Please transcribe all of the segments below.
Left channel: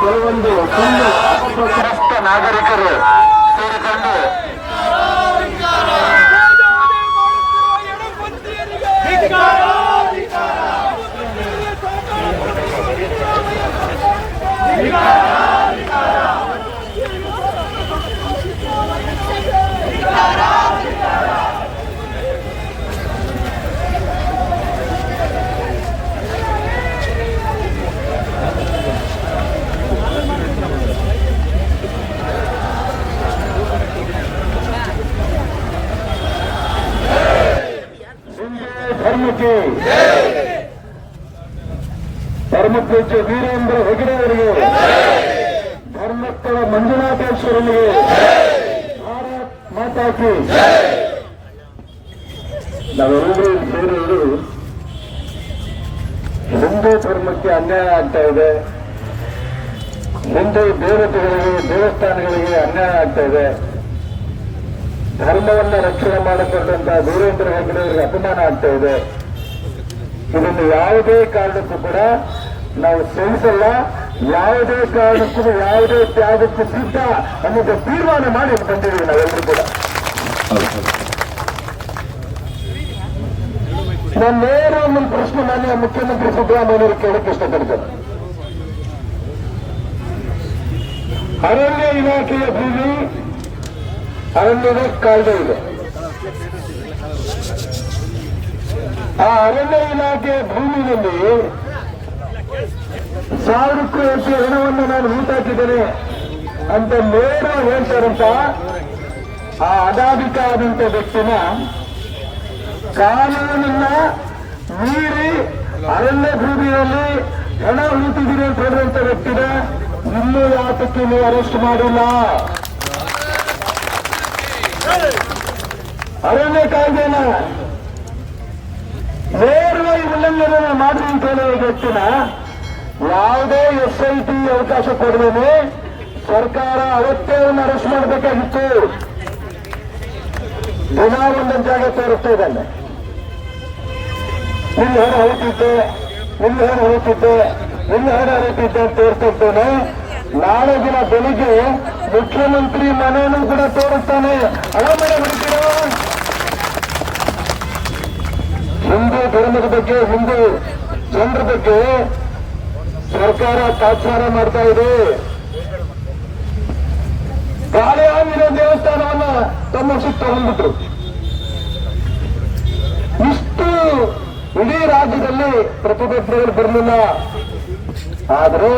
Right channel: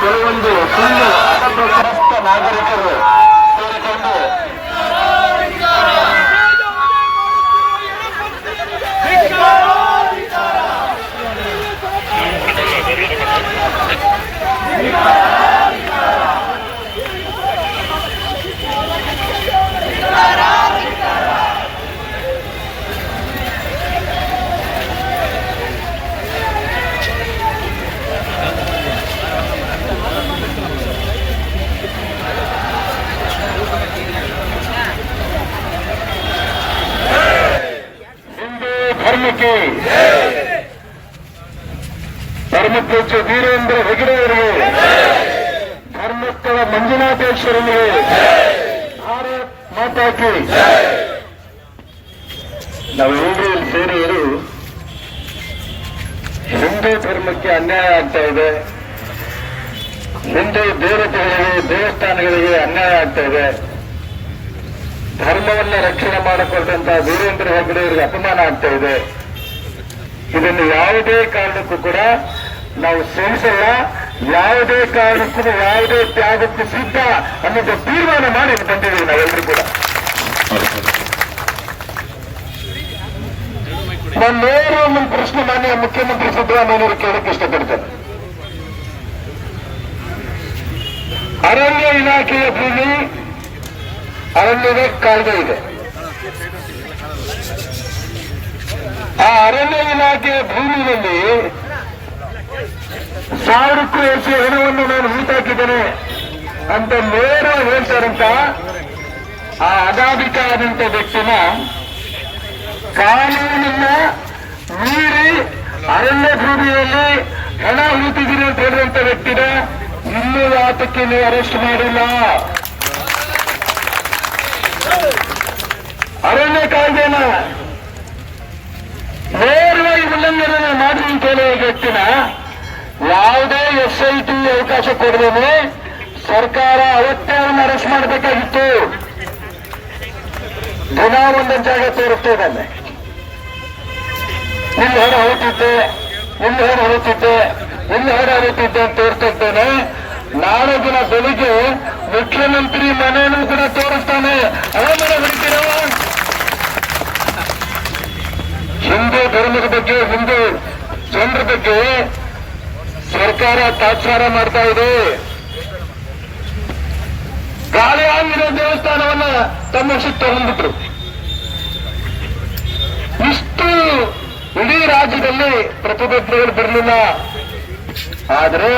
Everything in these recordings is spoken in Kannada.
ಕೆಲವೊಂದು ಸುಳ್ಳು ಅನಕ್ಷರಸ್ಥ ನಾಗರಿಕರು ಸೇರಿಕೊಂಡು ಧರ್ಮಕ್ಕೆ ಧರ್ಮಪೂಜ್ಯ ವೀರೇಂದ್ರ ಹೆಗಡೆ ಅವರಿಗೆ. ಧರ್ಮಸ್ಥಳ ಮಂಜುನಾಥೇಶ್ವರನಿಗೆ. ಭಾರತ್ ಮಾತಾಕಿ. ನಾವೆಲ್ಲರೂ ಇಲ್ಲಿ ಸೇರಿವರು ಹಿಂದೂ ಧರ್ಮಕ್ಕೆ ಅನ್ಯಾಯ ಆಗ್ತಾ ಇದೆ. ಹಿಂದೂ ದೇವತೆಗಳಿಗೆ, ದೇವಸ್ಥಾನಗಳಿಗೆ ಅನ್ಯಾಯ ಆಗ್ತಾ ಇದೆ. ಧರ್ಮವನ್ನ ರಕ್ಷಣೆ ಮಾಡಿಕೊಂಡಂತ ವೀರೇಂದ್ರ ಅವರಿಗೆ ಅಪಮಾನ ಆಗ್ತಾ ಇದೆ. ಇದನ್ನು ಯಾವುದೇ ಕಾರಣಕ್ಕೂ ಕೂಡ ನಾವು ಸಹಿಸಲ್ಲ. ಯಾವುದೇ ಕಾರಣಕ್ಕೂ ಯಾವುದೇ ತ್ಯಾಗಕ್ಕೂ ಸಿದ್ಧ ಅನ್ನೋದು ತೀರ್ಮಾನ ಮಾಡಿ ಬಂದಿದ್ದೀವಿ ನಾವೆಲ್ಲರೂ ಕೂಡ. ನಾನು ನೇರ ಒಂದು ಪ್ರಶ್ನೆ ಮಾನ್ಯ ಮುಖ್ಯಮಂತ್ರಿ ಸಿದ್ದರಾಮಯ್ಯವರು ಕೇಳಕ್ಕೆ ಇಷ್ಟಪಡ್ತೇನೆ. ಅರಣ್ಯ ಇಲಾಖೆಯ ಭೂಮಿ ಅರಣ್ಯದ ಕಾಯ್ದೆ ಇದೆ. ಆ ಅರಣ್ಯ ಇಲಾಖೆಯ ಭೂಮಿಯಲ್ಲಿ ಸಾವಿರಕ್ಕೂ ಹೆಚ್ಚು ಹಣವನ್ನು ನಾನು ಹೂತಾಕಿದ್ದೇನೆ ಅಂತ ನೇರ ಹೇಳ್ತಾರಂತ ಆ ಅಗಾಧಿಕಾದಂತ ವ್ಯಕ್ತಿನ ಕಾನೂನನ್ನ ಮೀರಿ ಅರಣ್ಯ ಭೂಮಿಯಲ್ಲಿ ಹಣ ಹೂತಿದ್ದೀನಿ ಅಂತ ಹೇಳಿದಂತ ವ್ಯಕ್ತಿನ ಇನ್ನೂ ಆತಕ್ಕೆ ನೀವು ಅರೆಸ್ಟ್ ಮಾಡಿಲ್ಲ ಅರಣ್ಯ ಕಾಯ್ದೆನ ನೇರವಾಗಿ ಉಲ್ಲಂಘನೆ ಮಾಡಿ ಹೇಳಿ ವ್ಯಕ್ತಿನ ಯಾವುದೇ ಎಸ್ ಐ ಟಿ ಅವಕಾಶ ಕೊಡದೇನೆ ಸರ್ಕಾರ ಅವತ್ತೇ ಅರೆಸ್ಟ್ ಮಾಡಬೇಕಾಗಿತ್ತು. ದಿನ ಒಂದೊಂದು ಜಾಗ ತೋರುತ್ತಿದ್ದಾನೆ ಇಲ್ಲಿ ಹೊರ ಹೊರತಿದ್ದೆ ಇಲ್ಲಿ ಹೊರ ಹೊರತಿದ್ದೆ ಇಲ್ಲಿ ಹೊರ ಹೊರತಿದ್ದೆ ಅಂತ ತೋರಿಸ್ತಾ ನಾಳೆ ದಿನ ಬೆಳಿಗ್ಗೆ ಮುಖ್ಯಮಂತ್ರಿ ಮನೆಯನ್ನು ಕೂಡ ತೋರಿಸ್ತಾನೆ. ಮನೆ ಹೊಡಿತೀರೋ ಹಿಂದೂ ಧರ್ಮದ ಬಗ್ಗೆ ಹಿಂದೂ ಜನರ ಬಗ್ಗೆ ಸರ್ಕಾರ ತಾತ್ಸಾರ ಮಾಡ್ತಾ ಇದೆ. ಆಂಜನೇಯ ದೇವಸ್ಥಾನವನ್ನ ತಮ್ಮ ಸುತ್ತ ಹೊಂದಿದ್ರು. ಇಷ್ಟು ಇಡೀ ರಾಜ್ಯದಲ್ಲಿ ಪ್ರತಿಭಟನೆಗಳು ಬರಲಿಲ್ಲ. ಆದರೆ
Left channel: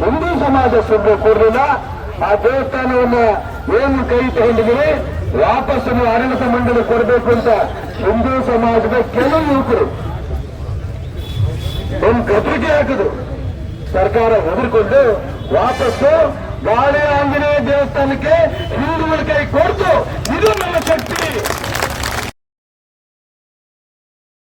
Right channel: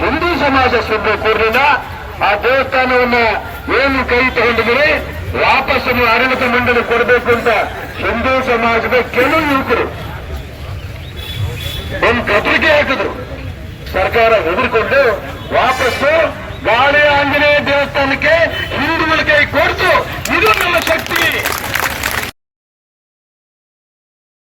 ಹಿಂದೂ ಸಮಾಜ ಸುಮ್ಮನೆ ಕೂರಲಿಲ್ಲ ಆ ದೇವಸ್ಥಾನವನ್ನ ಏನು ಕೈ ತಗೊಂಡಿದ್ರೆ ವಾಪಸ್ ಆಡಳಿತ ಮಂಡಳಿ ಕೊಡಬೇಕು ಅಂತ ಹಿಂದೂ ಸಮಾಜದ ಕೆಲವು ಯುವಕರು ಒಂದು ಪತ್ರಿಕೆ ಹಾಕಿದ್ರು. ಸರ್ಕಾರ ಹೆದರ್ಕೊಂಡು ವಾಪಸ್ಸು ಗಾಳಿ ಆಂಜನೇಯ ದೇವಸ್ಥಾನಕ್ಕೆ ಹಿಂದೂಗಳ ಕೈ